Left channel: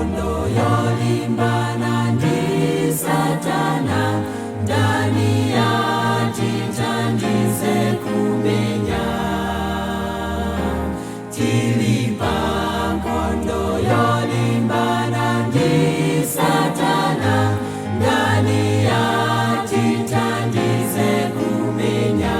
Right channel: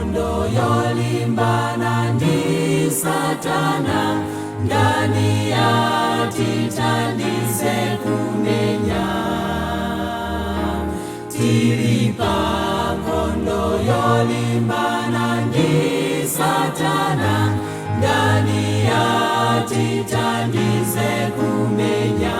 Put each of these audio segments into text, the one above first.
nkhondo yolimbana ndi Satana, ndani yatithandize kumenya. Tili pa nkhondo yolimbana ndi Satana, ndani yatithandize kumenya.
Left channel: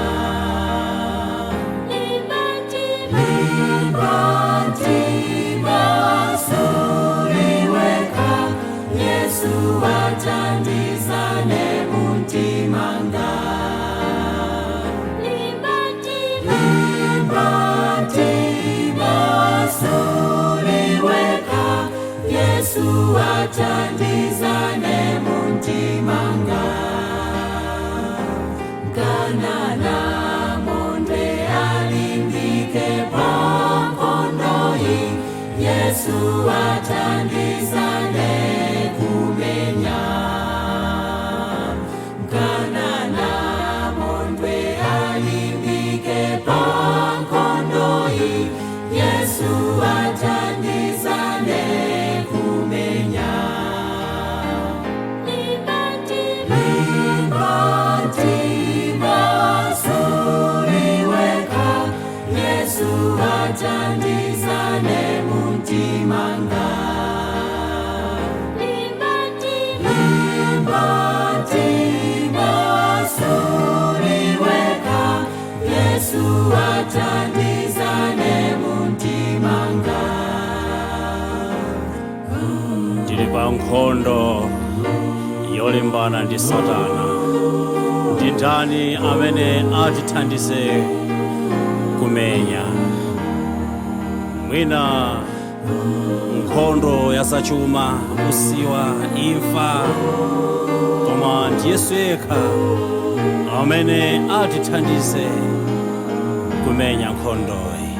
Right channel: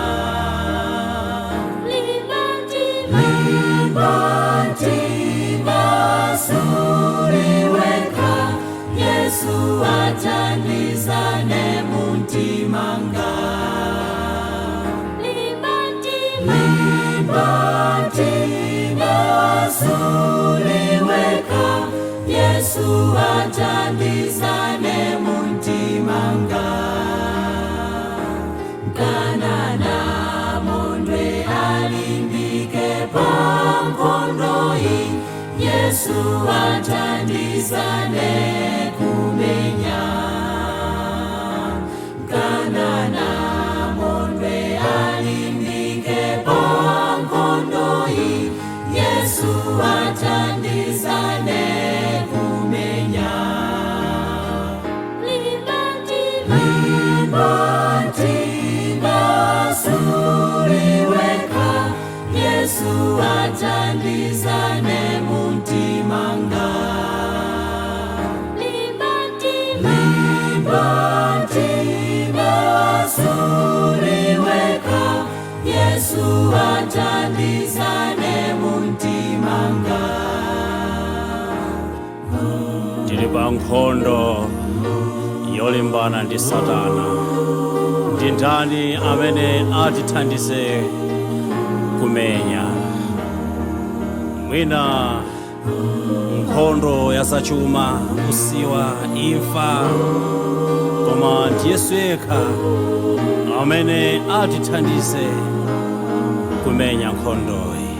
Yesu athandizane muntimanga. Limbatima suliweka, Yesu athandizane muntimanga. Kanada mondwe alimbike pa nkhondo iyi, Yesu athandizane kumenya. Kanana mondwe alimbike pa nkhondo iyi, Yesu athandizane kumenya. Limbatima suliweka, Yesu athandizane muntimanga. Limbatima suliweka, Yesu athandizane muntimanga. Tili pa nkhondo yolimbana ndi Satana. Ndi ndani amene atithandize kumenya? Mwina nkhondo ya zachuma, usiwa, imfa, koma ndi Yesu yekha amene atithandize kumenya nkhondoyi.